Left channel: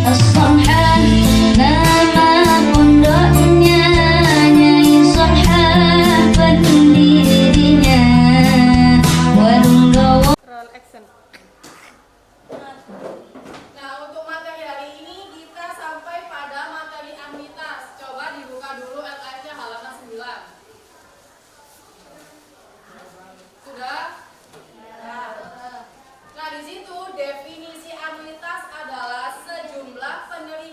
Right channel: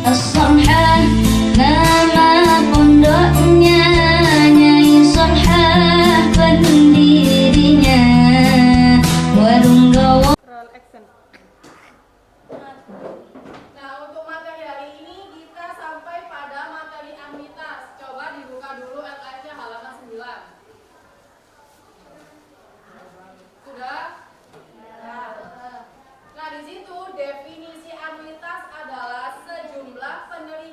As-Somhan, nama pondoknya Nyai Somhan, pendirinya warung gawa. Nah, untuk materi hari ini kita sampai pada materi amitas. Coba dibuka dulu LKS-nya halaman 9. Sudah? Nah, di situ definisi amitas adalah sejumlah penerimaan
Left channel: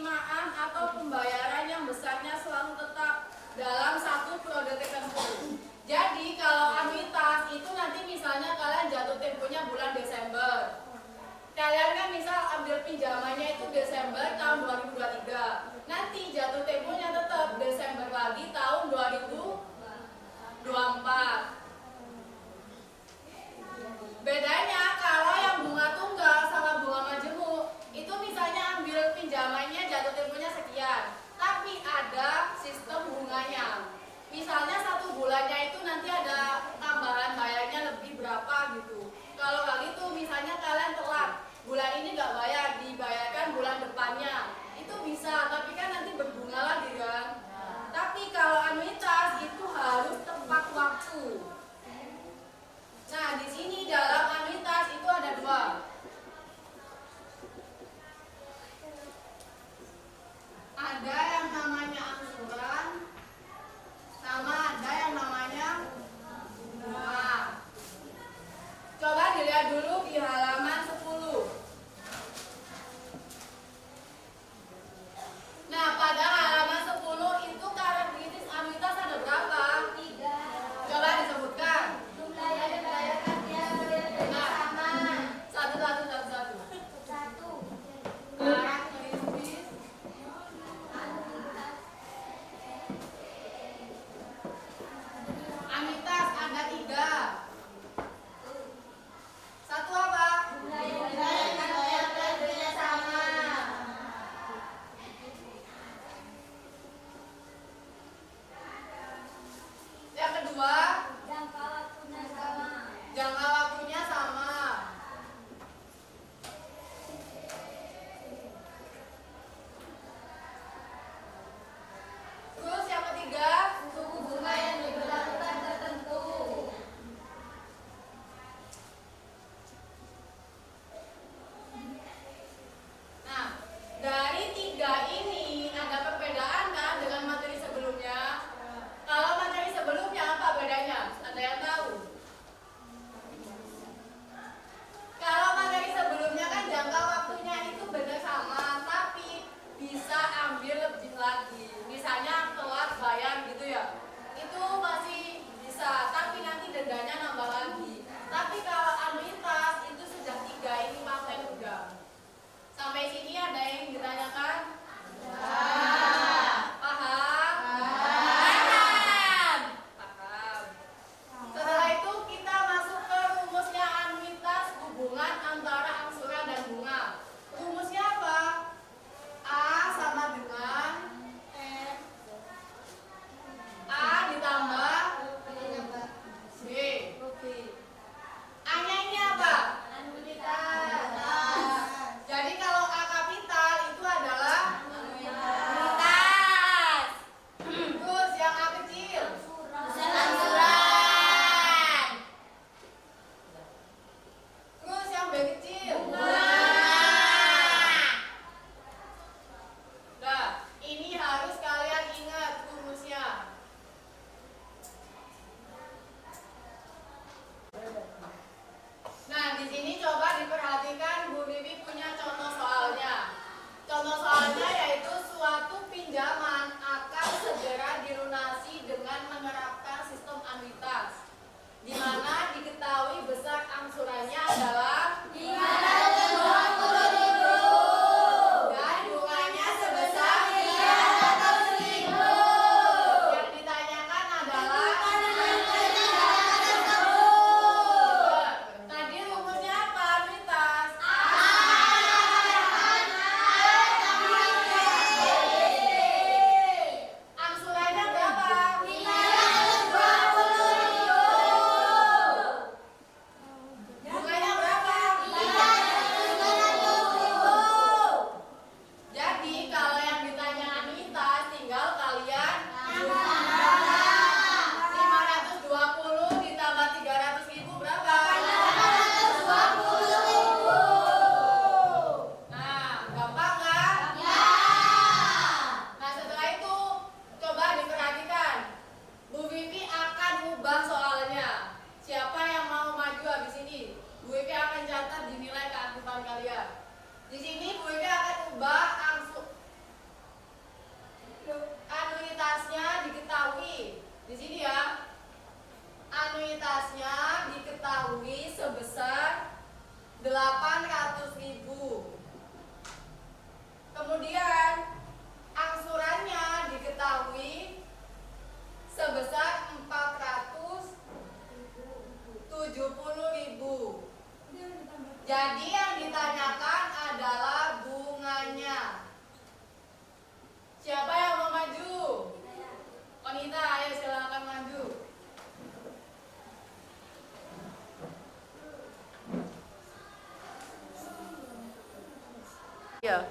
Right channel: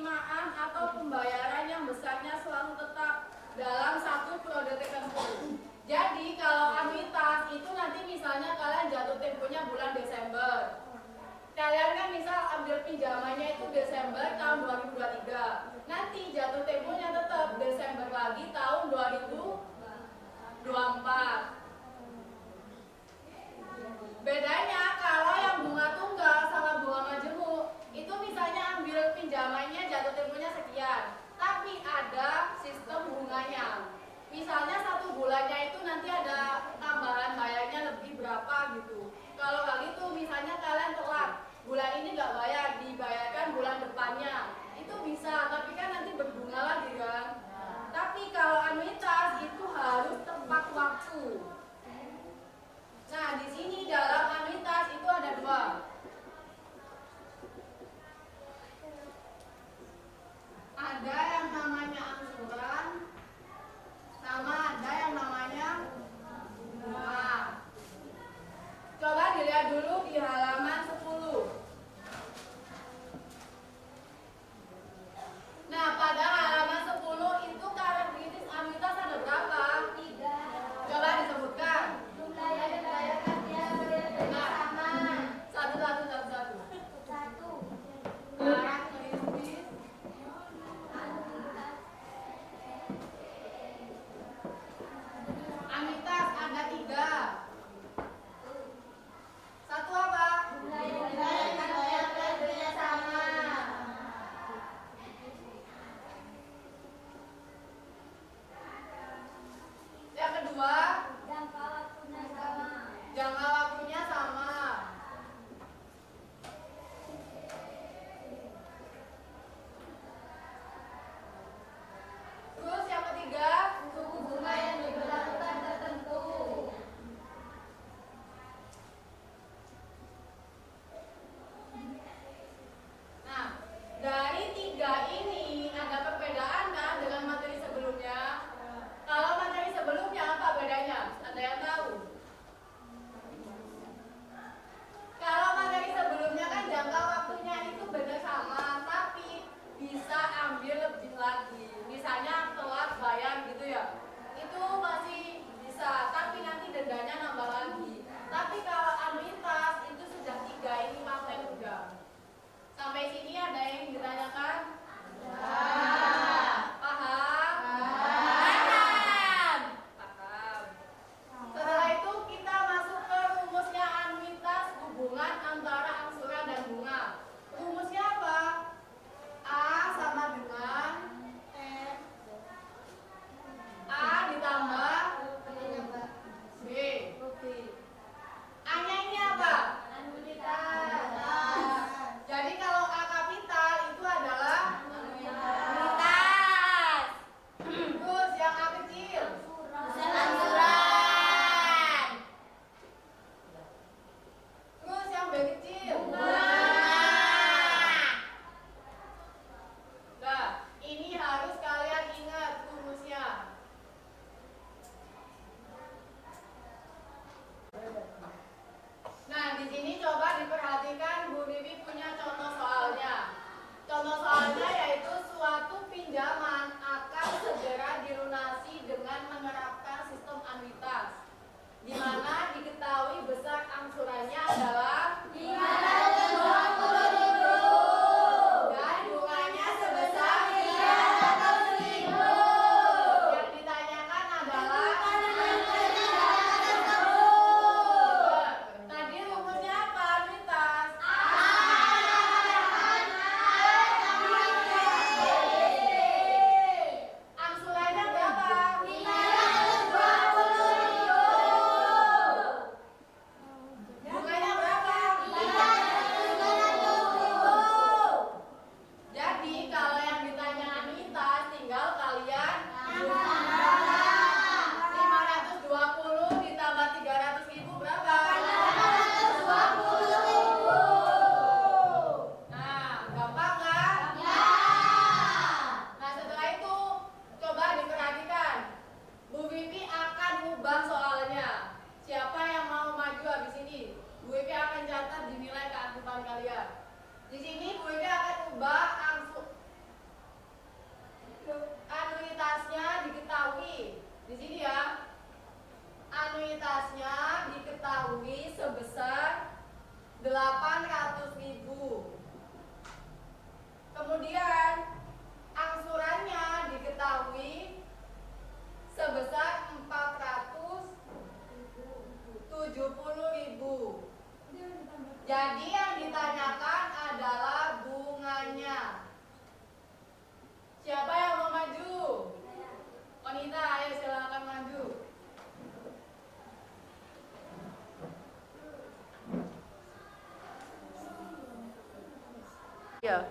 Ya,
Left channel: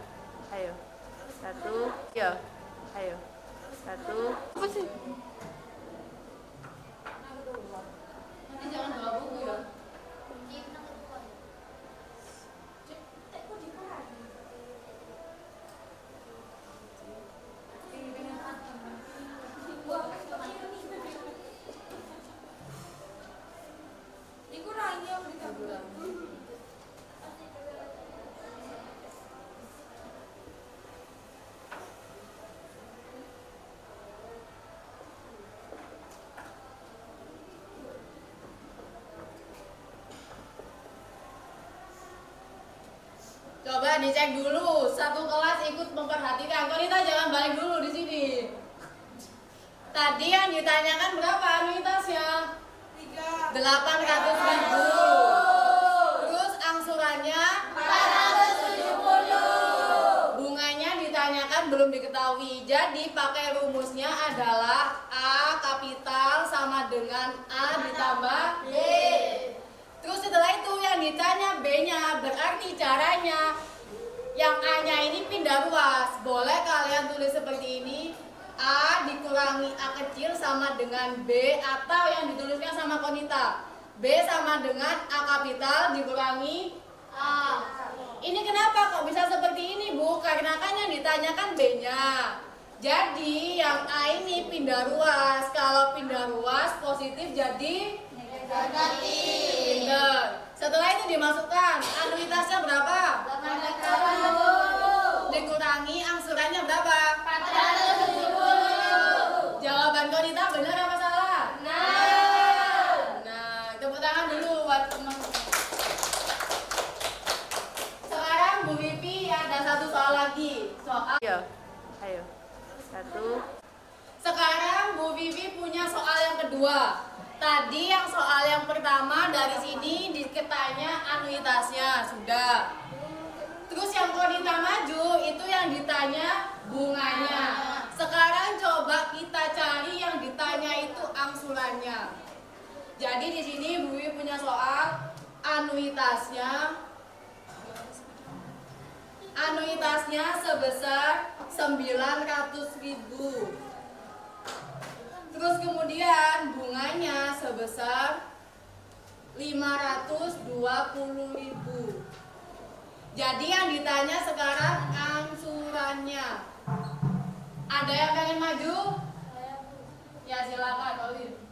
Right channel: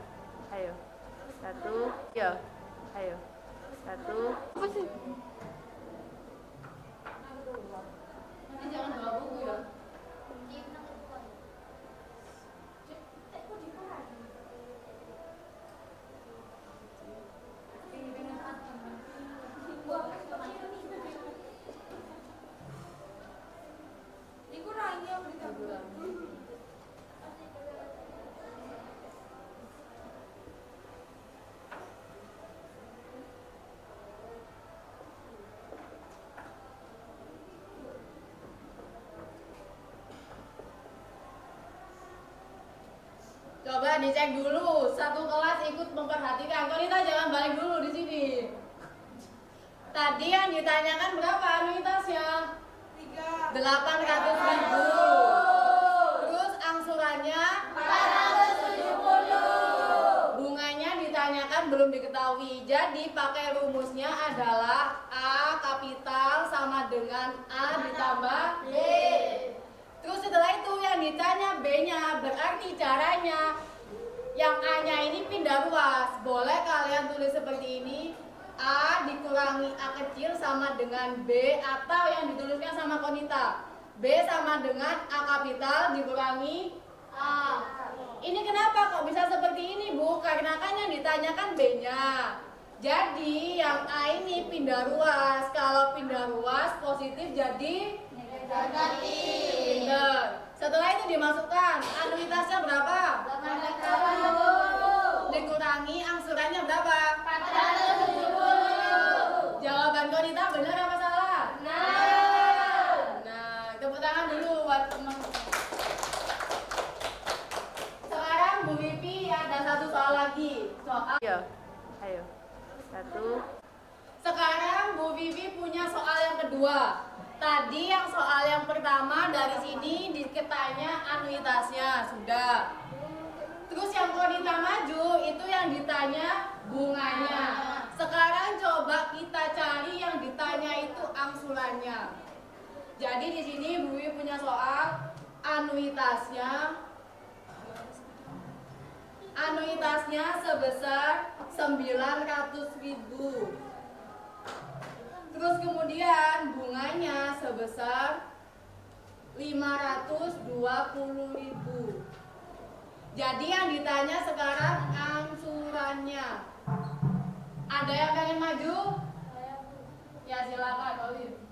ayo. 1, ya, ayo. 1. Apa sih? Nanti jangan bawa buku ya. Dikurangi ya berita bulan. Coba dicek dulu, satu kelas ikut memperhatikan. Konita jangan balik dulu di sini. Tadi yang ditanyakan berapa anuitasnya? 800.000. Terus angsurannya 470. Bunganya ditanyakan belum diketahui. Jadi pakai rumusnya adalah A kapital sama dengan A ditambah B. Terus setelah itu yang ditanya B-nya, berarti caranya yang A-nya ini pindah ruas. Boleh kalian tulis seperti ini, A dikurangi A kecil sama dengan B, atau yang dituliskan sama Konita, B sama dengan A kapital dikurangi A. Ini kenapa kok bisa seperti ini, Bu? Karena kan yang ditanyakan B-nya. Jadi yang A ini pindah ruas. Kalau pindah ruas positif jadi negatif. Setelah itu dimasukkan anuitasnya berapa? 880. Dikurangi angsurannya berapa? 470. Jawaban Konita benar apa salah? Benar. Nah, tepuk tangan dulu buat teman. Sekarang Bu Vivi ada satu soal lagi. Soal. Ya, ayo. 1. Sekarang Bu Vivi punya soal yang kedua. Tadi yang soal yang pertama dari sini diketanya anuitasnya sudah. Terus yang Konita maju itu yang ditanya bunganya. Sekarang coba kita cari yang ditanya itu angsurannya. Jadi di sini Bu Wiwi punya soal anuitasnya. Anuitasnya sebesar 900.000. Terus kemudian bunganya sebesar 520.000. Jadi yang ditanya sekarang angsurannya. Ada yang pengen maju? Ya silakan, Olive.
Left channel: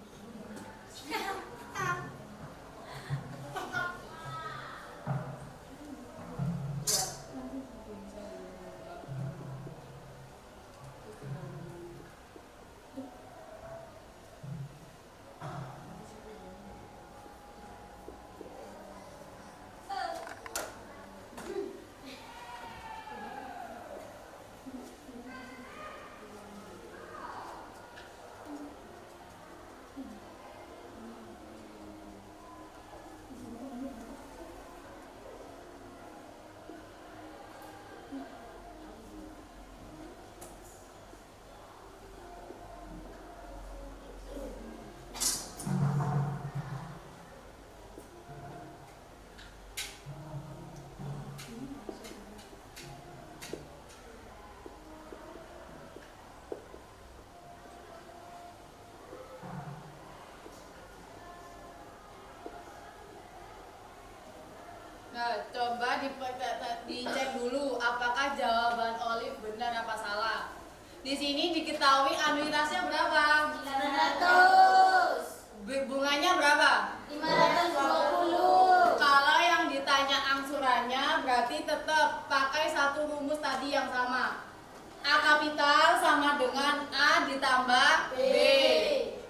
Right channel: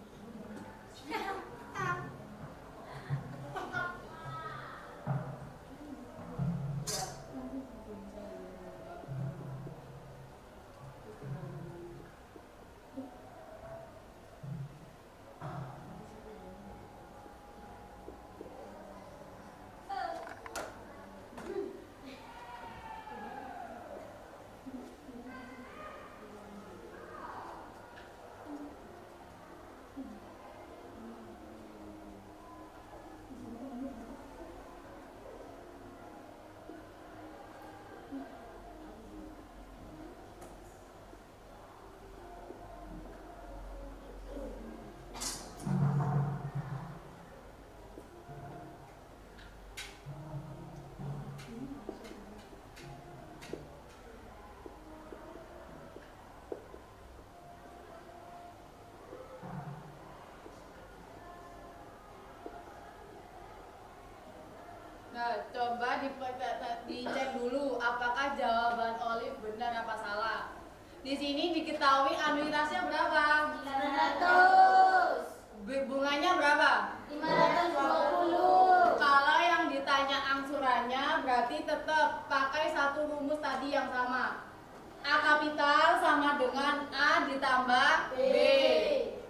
Nah, coba dicek dulu apakah jawaban Olive benar apa salah. Di sini diketahui anuitasnya berapa? 900. Bunganya berapa? 520. Kalau yang ditanya angsurannya berarti tetap pakai satu rumus tadi yang sama. A kapital sama dengan A ditambah B.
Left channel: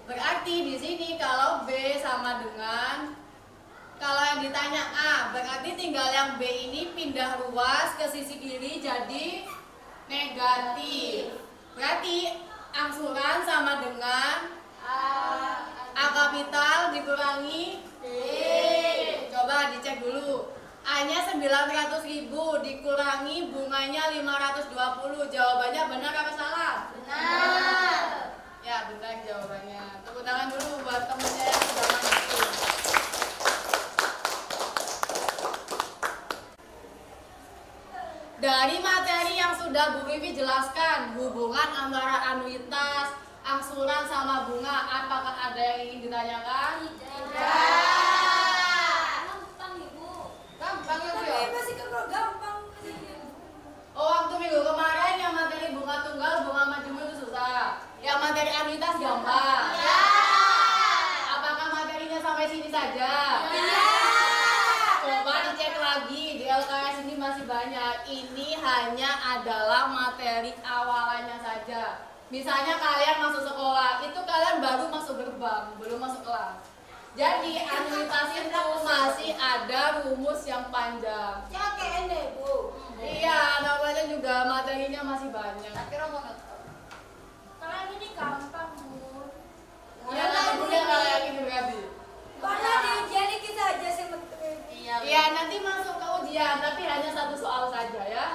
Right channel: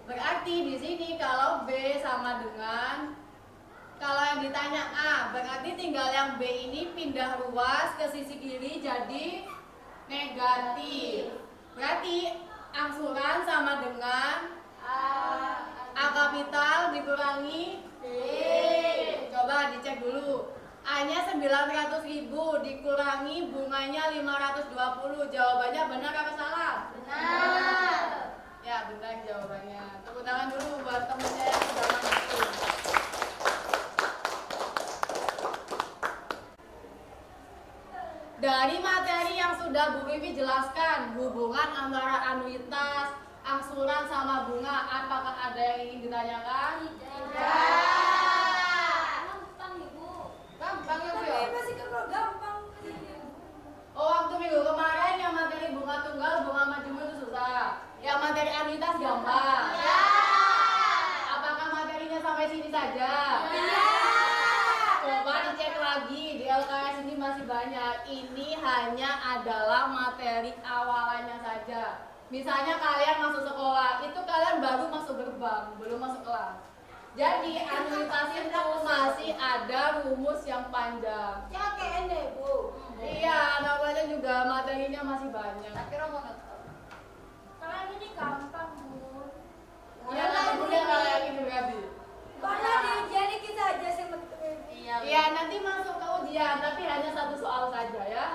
Berarti di sini kalau B sama dengan, kalau yang ditanya A, berarti tinggal yang B ini pindah ruas ke sisi kiri jadi negatif. Berarti angsuran sama dengan A kapital dikurangi B. Coba dicek dulu. A-nya 900.000 dikurangi bunganya 520. Jawabannya benar apa salah? Benar. Ya, benar jawabannya. Tepuk tangan dulu buat temennya yang sudah maju. Dari materi yang sudah Bu Vivi jelaskan, hubungan antara anuitas, angsuran sama bunga, apakah ada yang ingin ditanyakan? Gampang Ibu. Gampang ya Bu ya? Masih gampang. Oh, waktu minggu kemarin yang materi bunga tunggal, bunga majemuk itu susah. Yang materi anuitas gampang. Ya. Apakah materinya sampai sini saja? Ya. Coba dicek lagi, di LKS ini masih banyak. Ini hanya adalah materi awalannya saja. Misalnya kalian masuk sekolah, itu kalian baru masuk gerbang, belum masuk kelas. Jadi anuitas itu masih ada rumus yang panjang. Iya, namanya juga materinya masih banyak. Kalau ini gampang Bu. Ya, nanti bunda kalau yakin berarti. Padahal di ujian ini kita aja sih Iya, nanti masuk ke ujian, tapi hanya satu soal saja ya.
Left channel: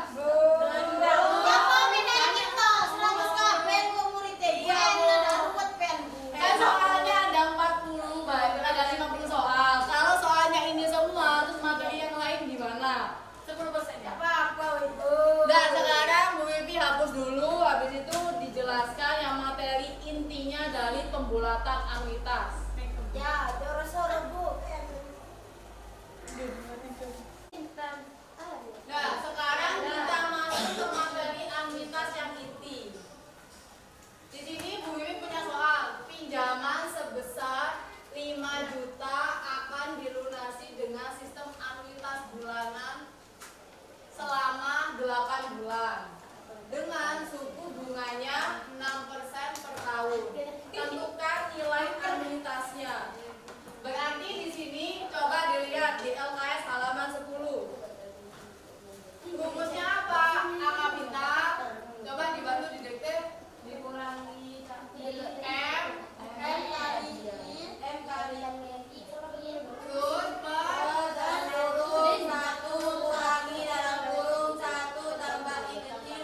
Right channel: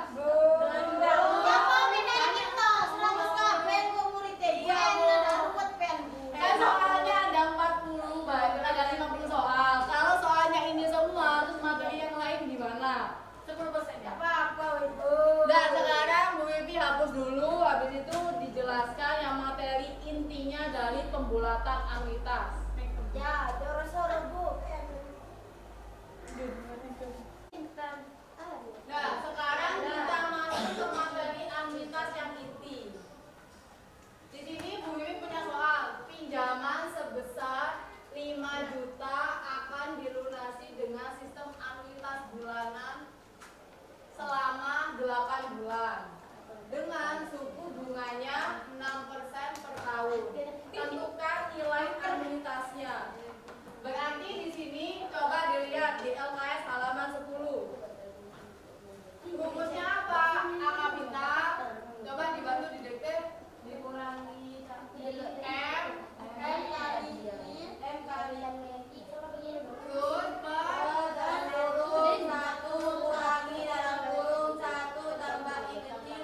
Kan soalnya ada 40, berarti ada 50 soal. Kalau soalnya ini semua, terus materi yang lain gimana? 10% ya? Nah, sekarang Bu Wifi hapus dulu, habis itu dijelaskan yang materi intinya dari pembulatan anuitas. Nah, sekarang kita masuk ke materi anuitas yang inti. Di sini Bu Wiwi punya soal, pinjaman sebesar 5 juta akan dilunasi dengan sistem anuitas bulanan selama 8 bulan dengan suku bunganya 6% per tahun. Tentukan nilai anuitasnya. Berarti di sini coba dilihat di LKS halaman 10. Rumusnya apa? A kapital. Coba dibantu didikte. dikurangi M kali terus per dalam kurung 1 kurangi dalam kurung 1 tambah I kecil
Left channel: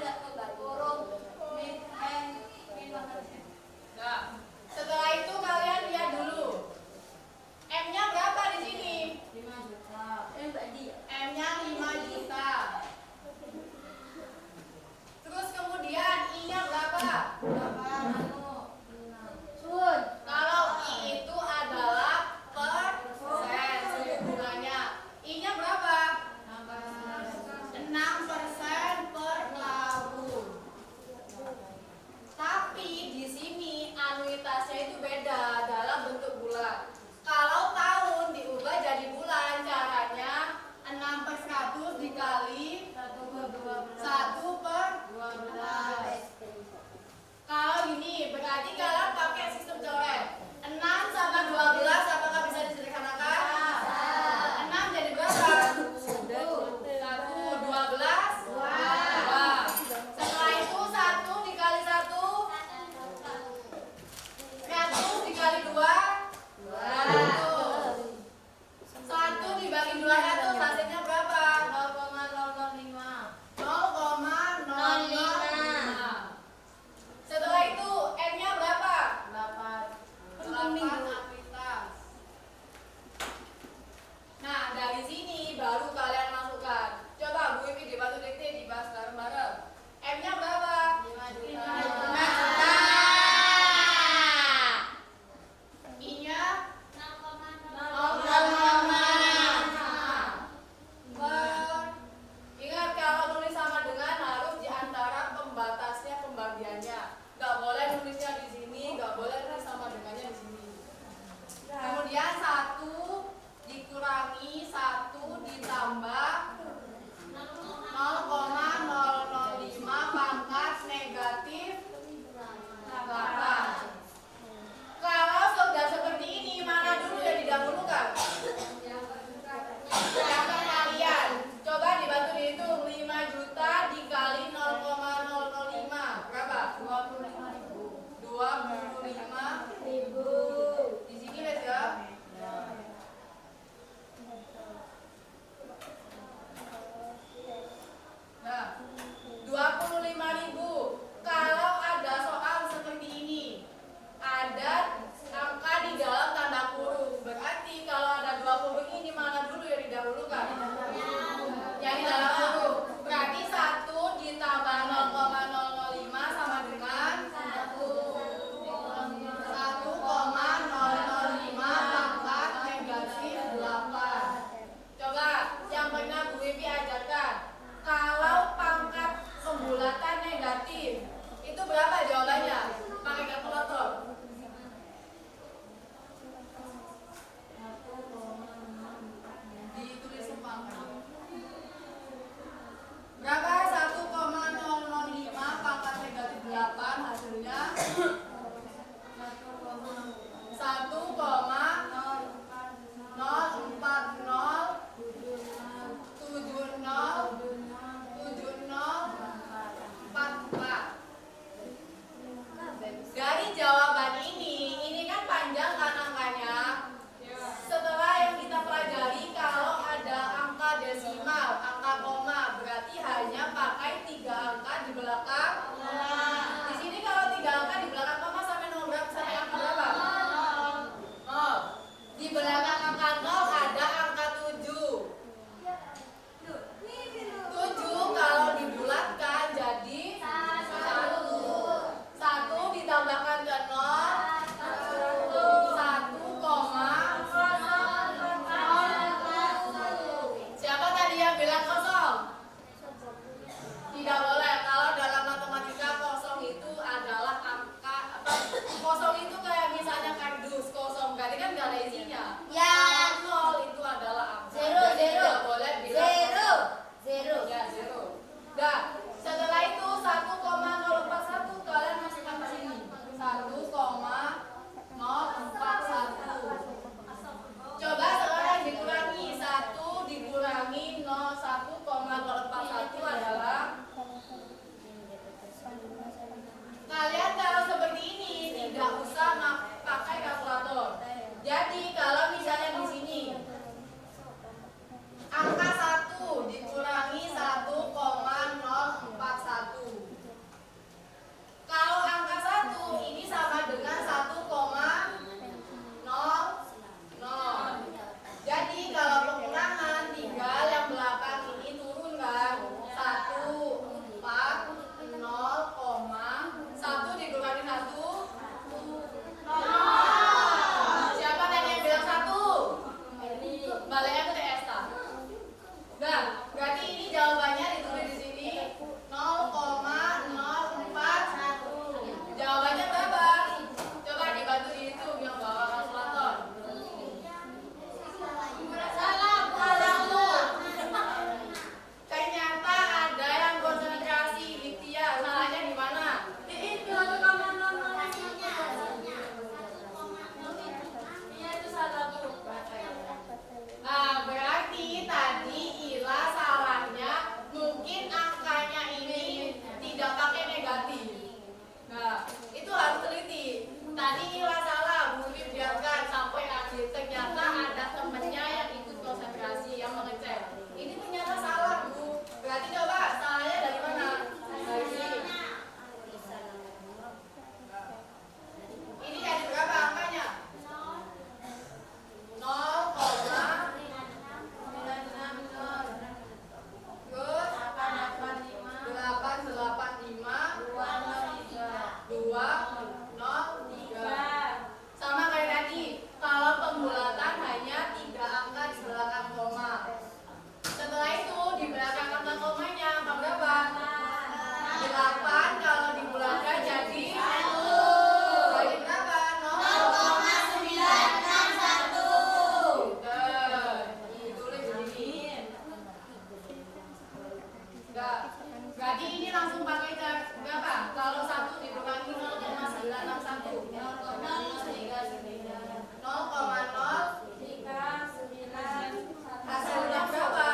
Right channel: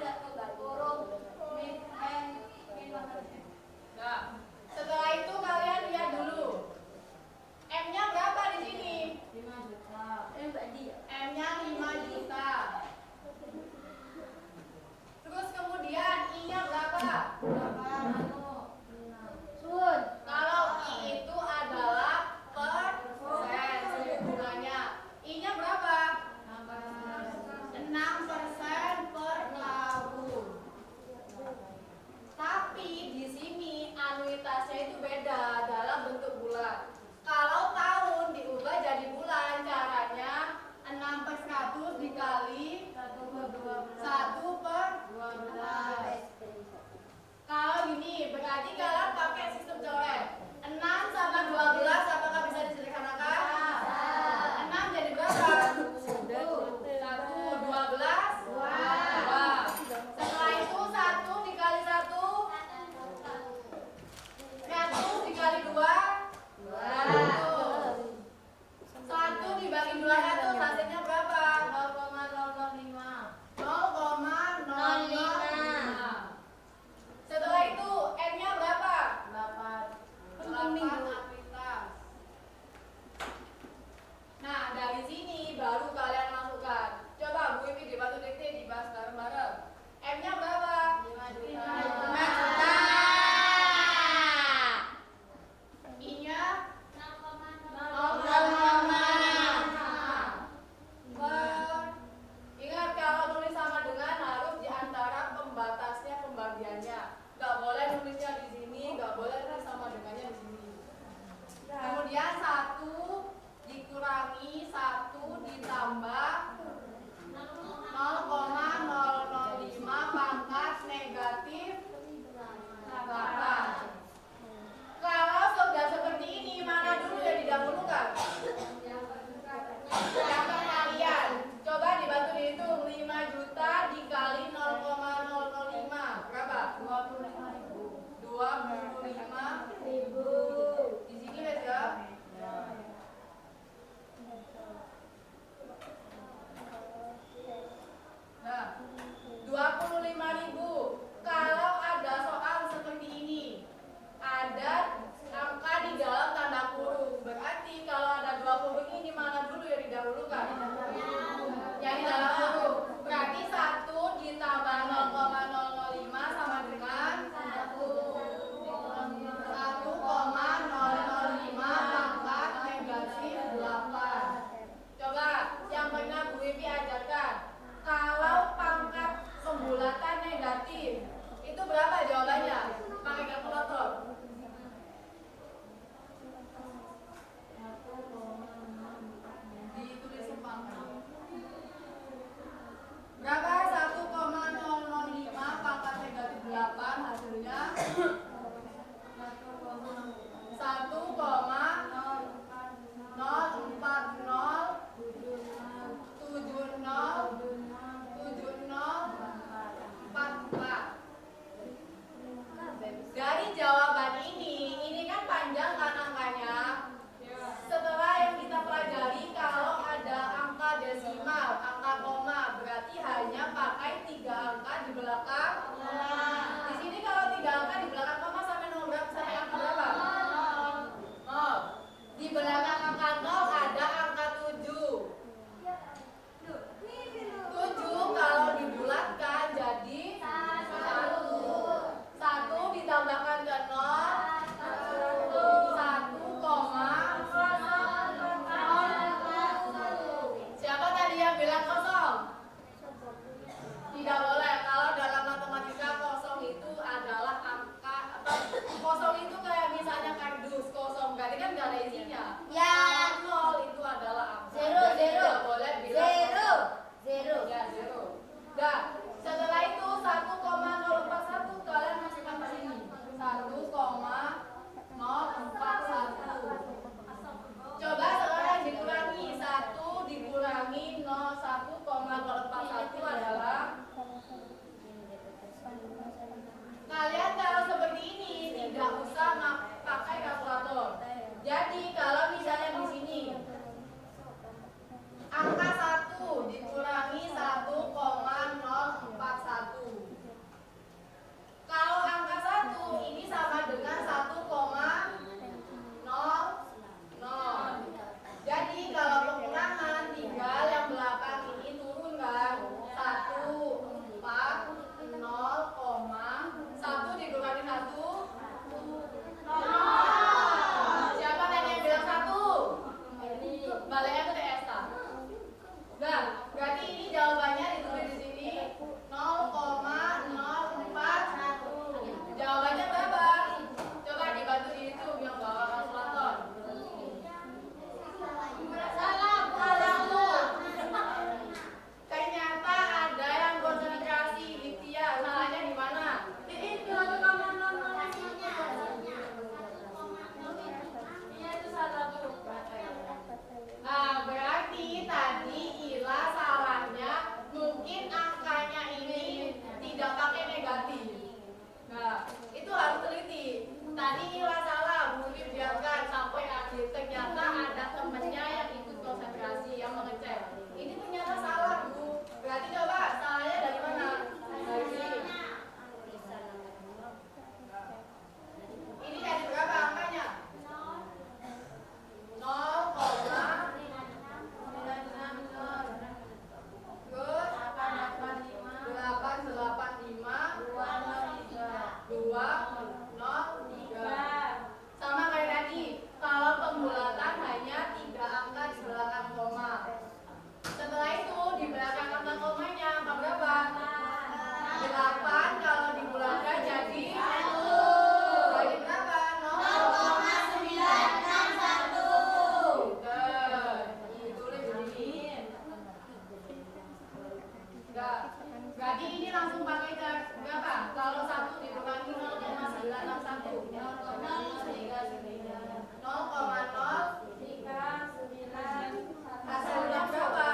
Berarti ini langsung pakai cara berapa? Kalau 1 dikurangi 0,961 hasilnya berapa?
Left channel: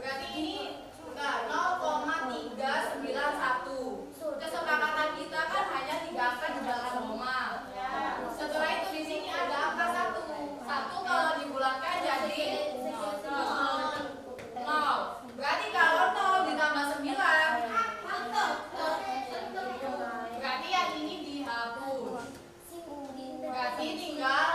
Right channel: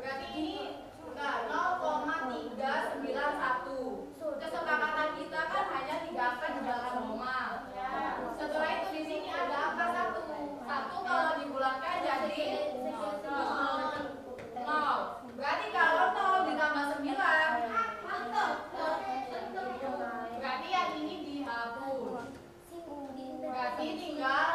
Berarti ini enggak 0,391. Kesepakatan kita kan hanya 3 angka di belakang koma. Setelah itu di sini ada angka 1. 1 kalau dibulatkan jadi 0. Berarti kalau 0 ditambah 9 berarti yang ini dihapus. Berarti tinggal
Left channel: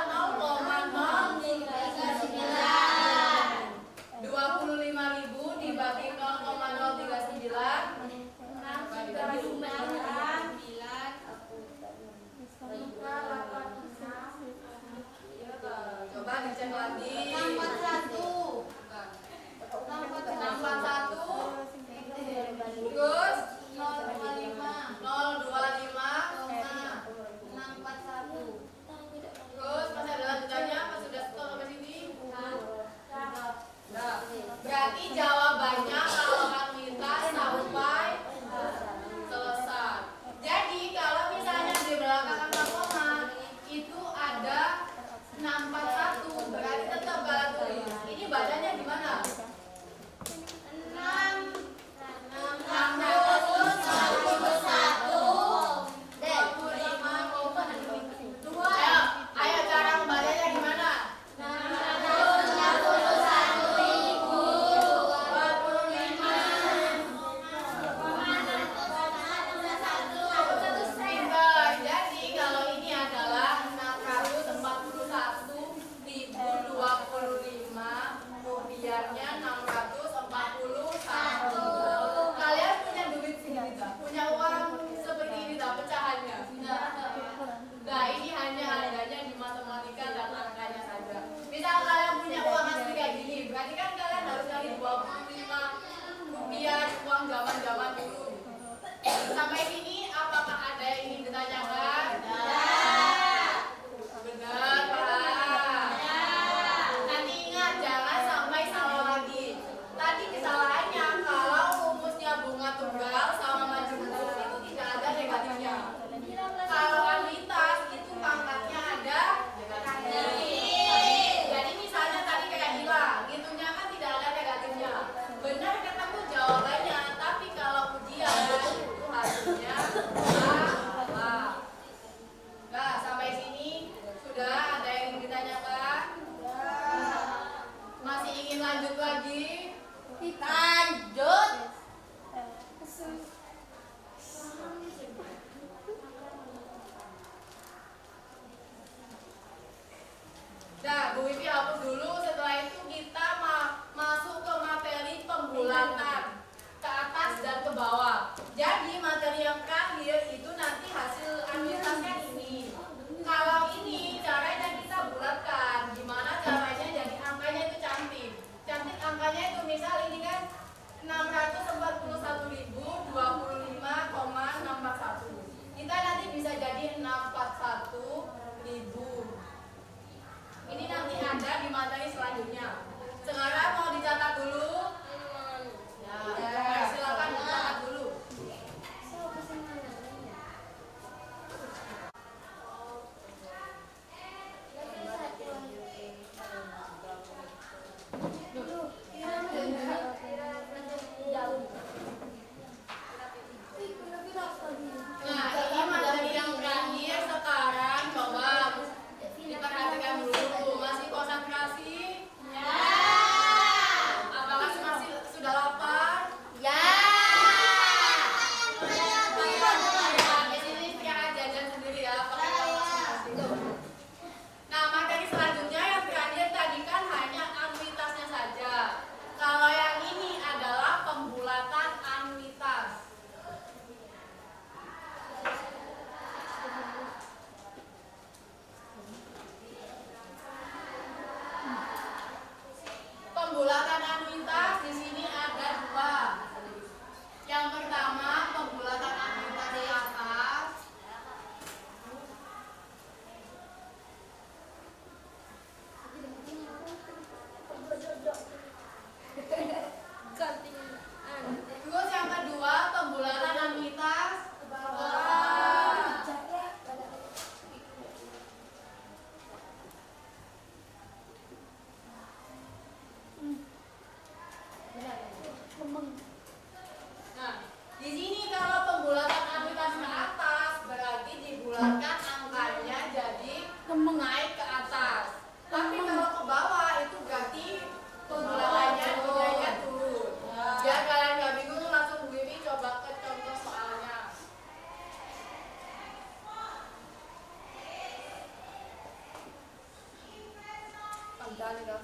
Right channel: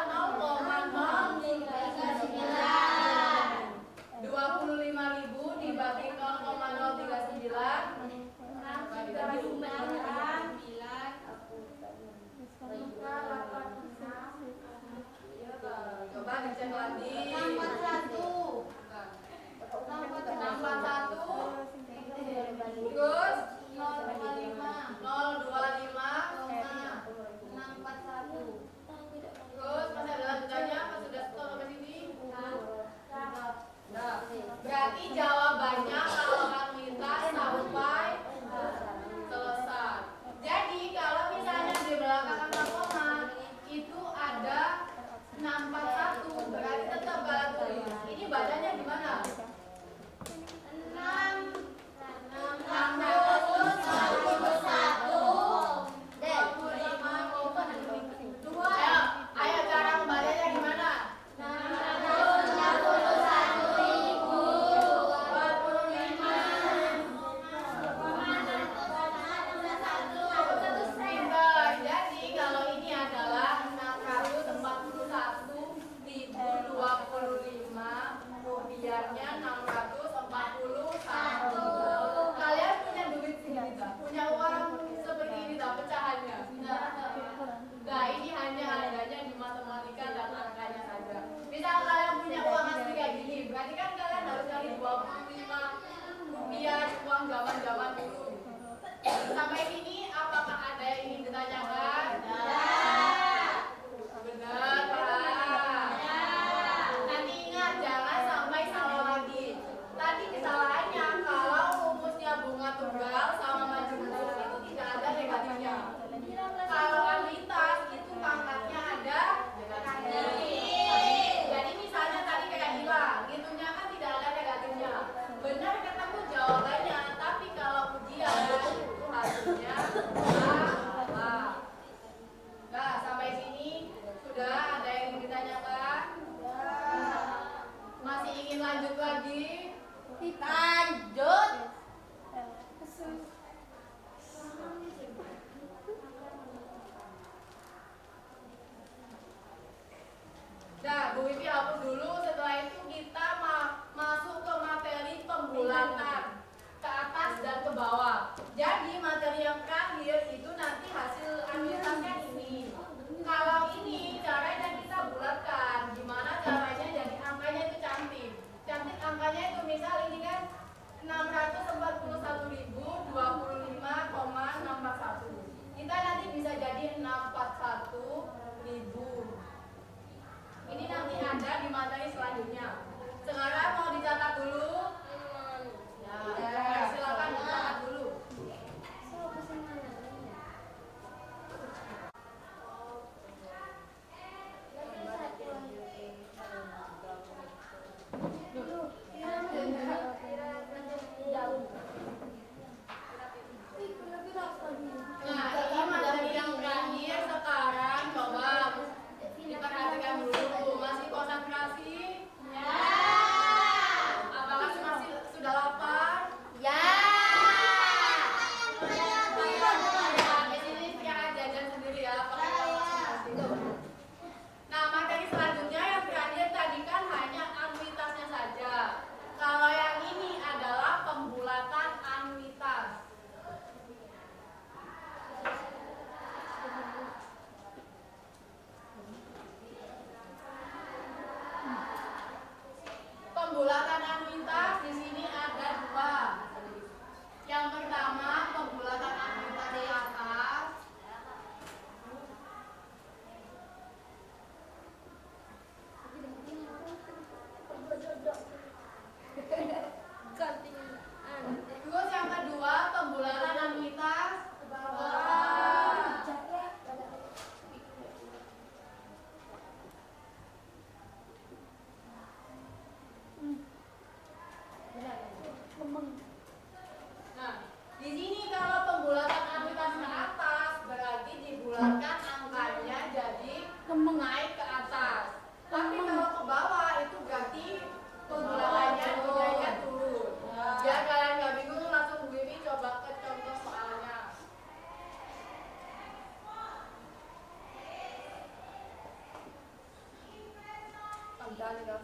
tinggal.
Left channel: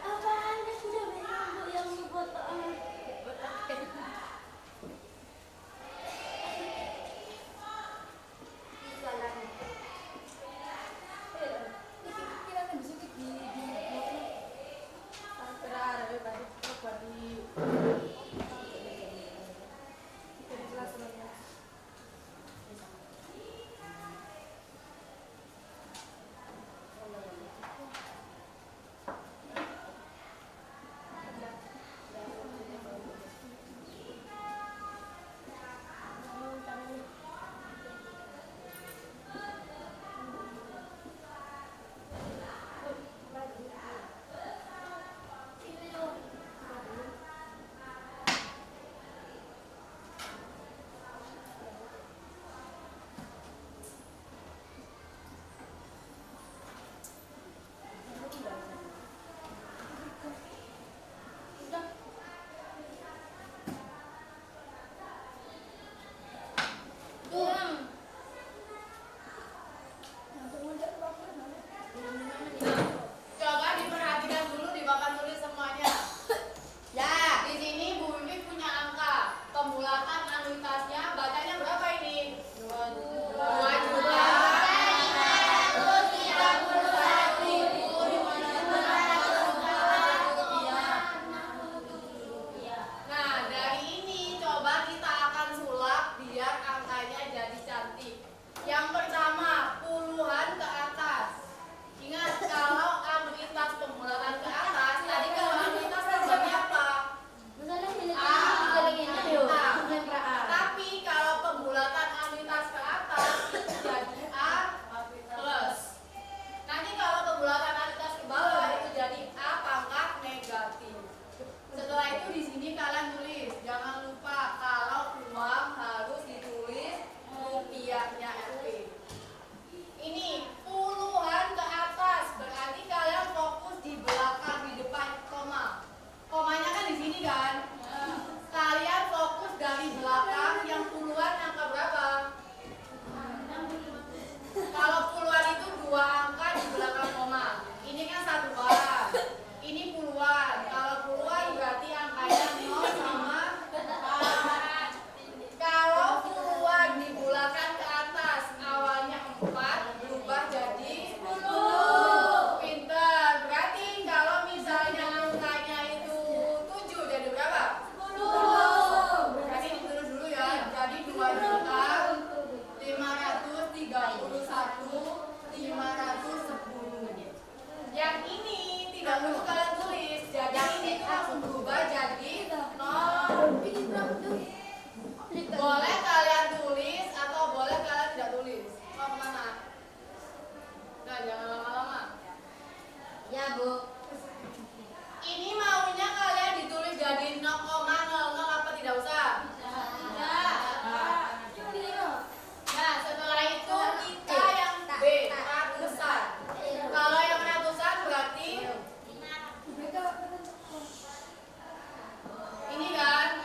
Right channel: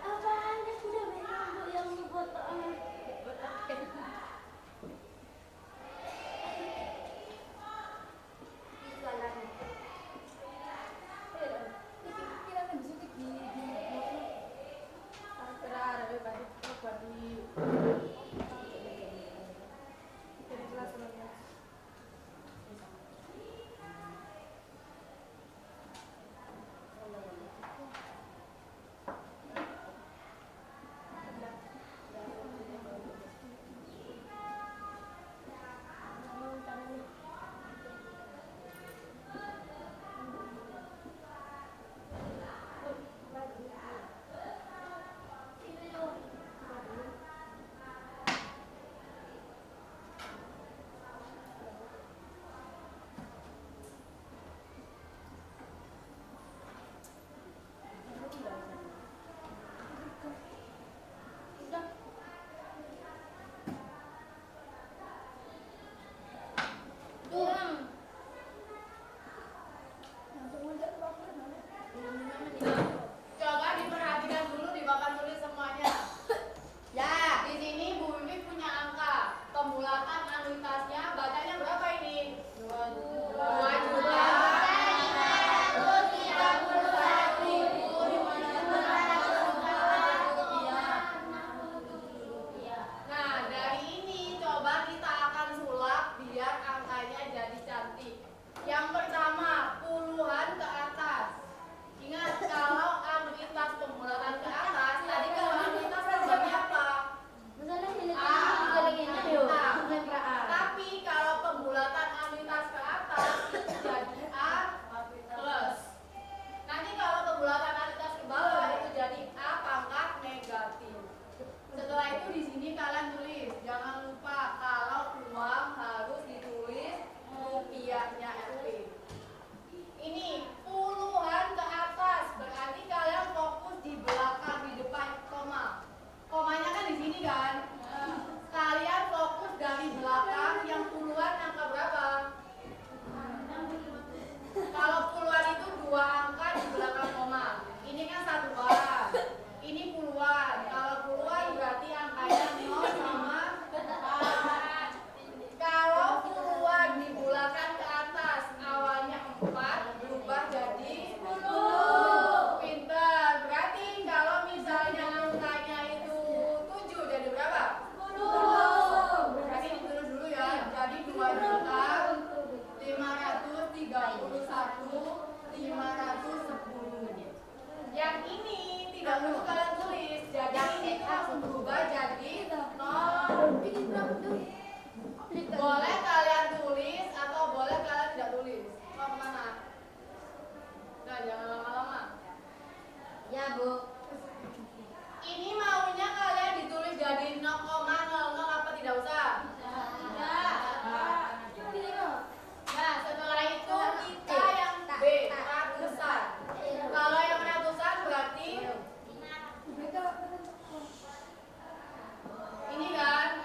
Apaan sudah bilang Bu yang foto Coba diperhatikan dulu di papan tulis semuanya. Ya, di sini Bu Wiwi punya angka. Pembulatan anuitasnya bacanya berapa ini? 2.331.567 Nah, dari ini coba kita akan sulap biar angkanya jadi cantik. Yang pertama, puluhan ke atas. Ingat, kalau anuitas pembulatan ke atas, tadi kalau anuitas terjadi apa? Tapi kalau pembulatan anuitas ke atas itu jadi A plus. Nanti kalau pembulatan anuitas ke bawah itu jadi A pangkat negatif. Setelah itu di sini kalian tulis, jangan lupa kalau uang harus ditulis rupiahnya RP. Ini puluhan ke atas, berarti kalian fokus di belakang, di depan koma. Komanya kan di sini kan? Kalian fokus dari belakang, yang puluhan angka berapa? Kalau puluhan itu 2 angka di belakang koma. Ini kan satuan. Ini puluhan. Kalau puluhan berarti angkanya 0 sama 4. Kalau puluhan dibulakan ke atas, awalnya 4 berubah jadi 10. Pinter. Berarti kalau misalnya angkanya itu 7 jadi berapa? 10. Berarti ditulis dulu ya. Jadi 2.531.510. Yang ini tidak perlu kalian tulis. Jadi ini tuh langsung berubah jadi 0. Boleh kalian tulis atau boleh kalian tidak tulis. Mau kemana? Nah, jangan lama-lama. Ya Bu. Ini maunya kalian ditulis jadi 0,00 apa tidak usah? Nah, setelah itu kita yang B, ratusan. Kalau yang ratusan berarti ini kan?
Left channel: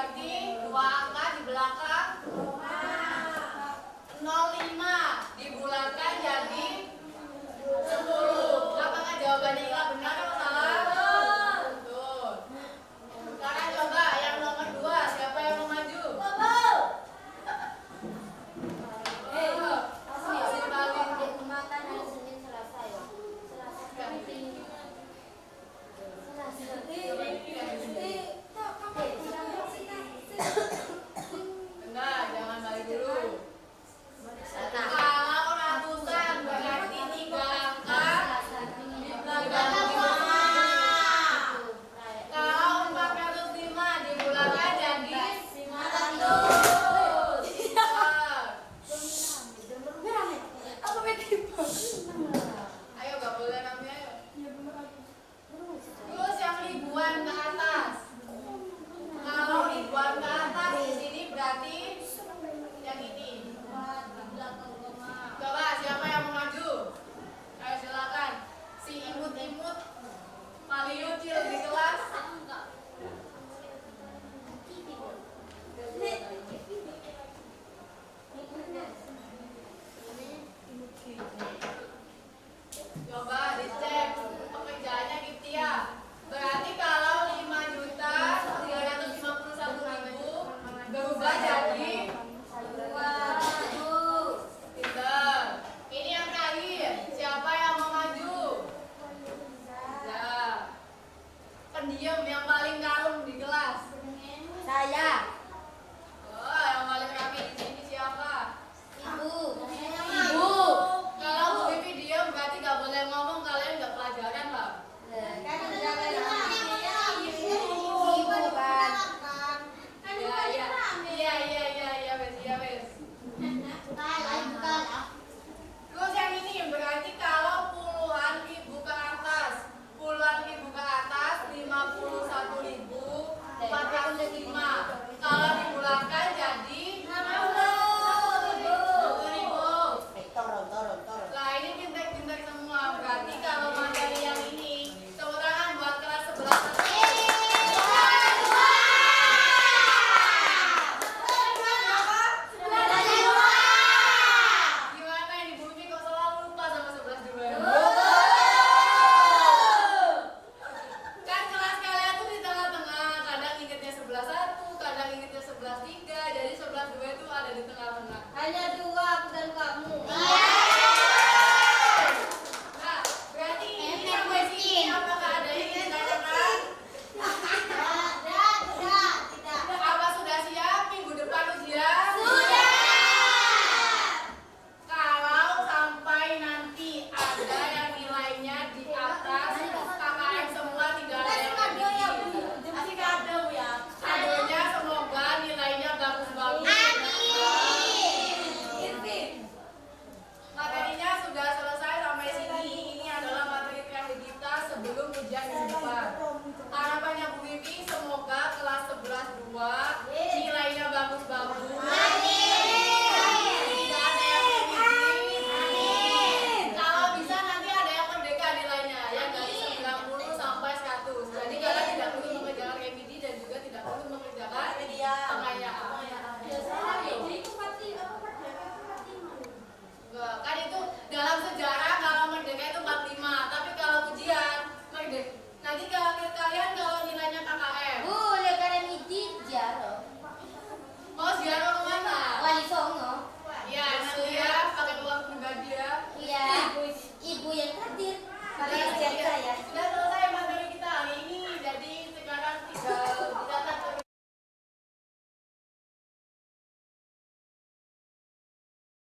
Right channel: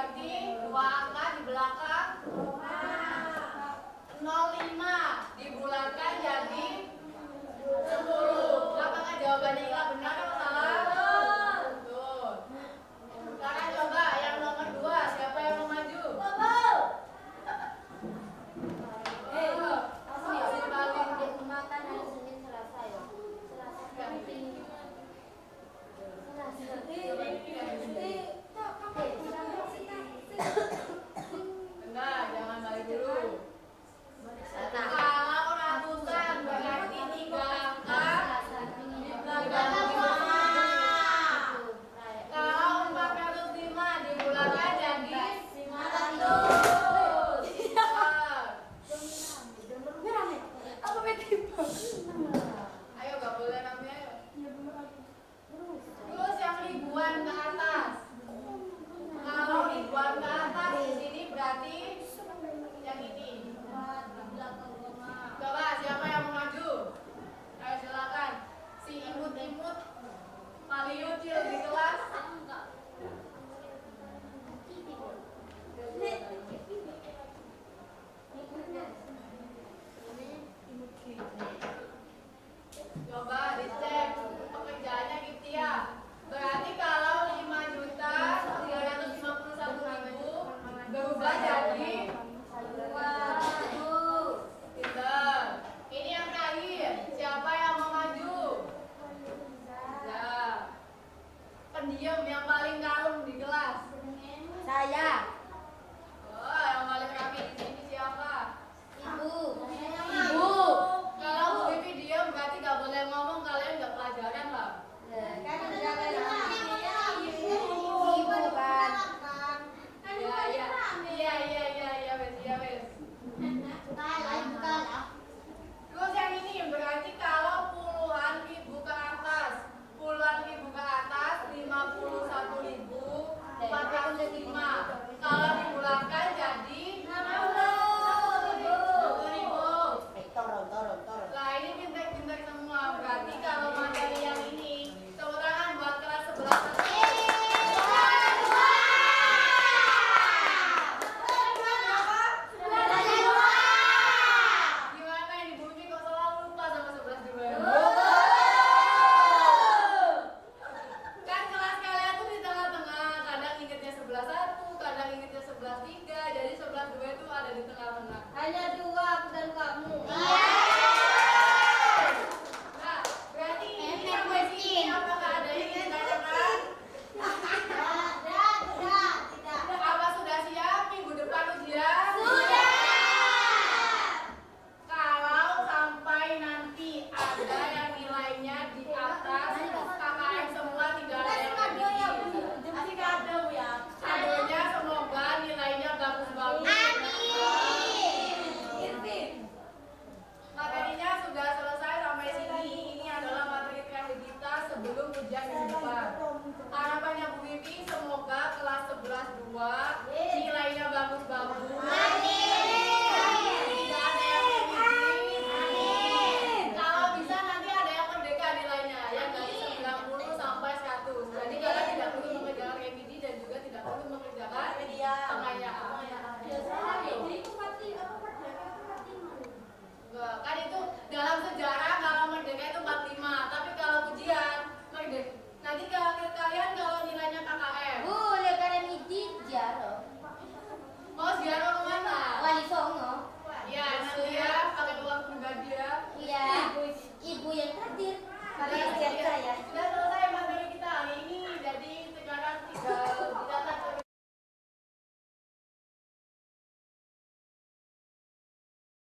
berarti dua angka di belakang 05 dibulatkan jadi 10. Apakah jawabannya Ila benar atau salah? Betul. Sekarang coba yang nomor 2, siapa yang mau maju? Masih paling makan hari Senin Selasa ya. enggak, jangan balik dulu. Kalau ratusan berarti 3 angka di belakang 5. Kalau 405 dibulatkan jadi 500. Ayo gak boleh rame ayo. Terus yang ribuan ke atas. Kalau ribuan ke atas di sini berarti yang ini. Coba siapa yang mau maju? Ayo silakan. Si imut-imut paling ucil di kelas. Coba dicek pekerjaannya Giptia. Berarti kalau 5.351.000 berubah jadi pinter. Ini yang terakhir. Siapa yang mau maju? Ya. Pendiam yang paling kalem di kelas. Saya. Oh, yang paling rapi di sini siapa? Ibu. Ibu. Kalau Bu Vivi diam berarti gak boleh ngomong, kalian gak pelajaran lah. Kan udah ibu kan. Iya, wes. Terus yang ini berarti kalau puluhan ribu ke atas 51.405. Kalau dibulatkan jadi 60.000. Lah ini pintar-pintar semua. Berarti kalau materi yang ini, tepuk tangan buat kelas 11. Gimana ini Bu Vivi kok selalu lupa sama 11 juga? Kan kelas kalian tuh di tengah-tengah, kadang ingetnya 11.1, kadang ingetnya 11.3, jadi 11.2 itu ada di tengah-tengah. Hanya 2 aku dan kamu. Nah, berarti ini yang ini apakah ada yang ditanyakan? Apa sudah siap minggu depan ujian? Kalau sampai nanti ada yang nilainya di atas KKM semua, tidak ada yang kasih kado ya. Kadonya semoga nilainya bagus-bagus. Materinya sudah selesai sampai sini. Ini adalah materi terakhir kita sebelum ujian minggu depan. Harapannya Bu Vivi semoga kelas 11 2 nilainya bagus-bagus. Tidak ada yang amin. Kalau bisa nanti ada yang merdeka nilainya ya, dari 90 sampai 100. Jadi kalian tidak perlu mengerjakan remedi dan juga tidak perlu mengerjakan pengayaan. Enggak, kan itu dalam sejarah kalau merdeka itu 45, tapi kalau ujian merdeka nanti kalian kalau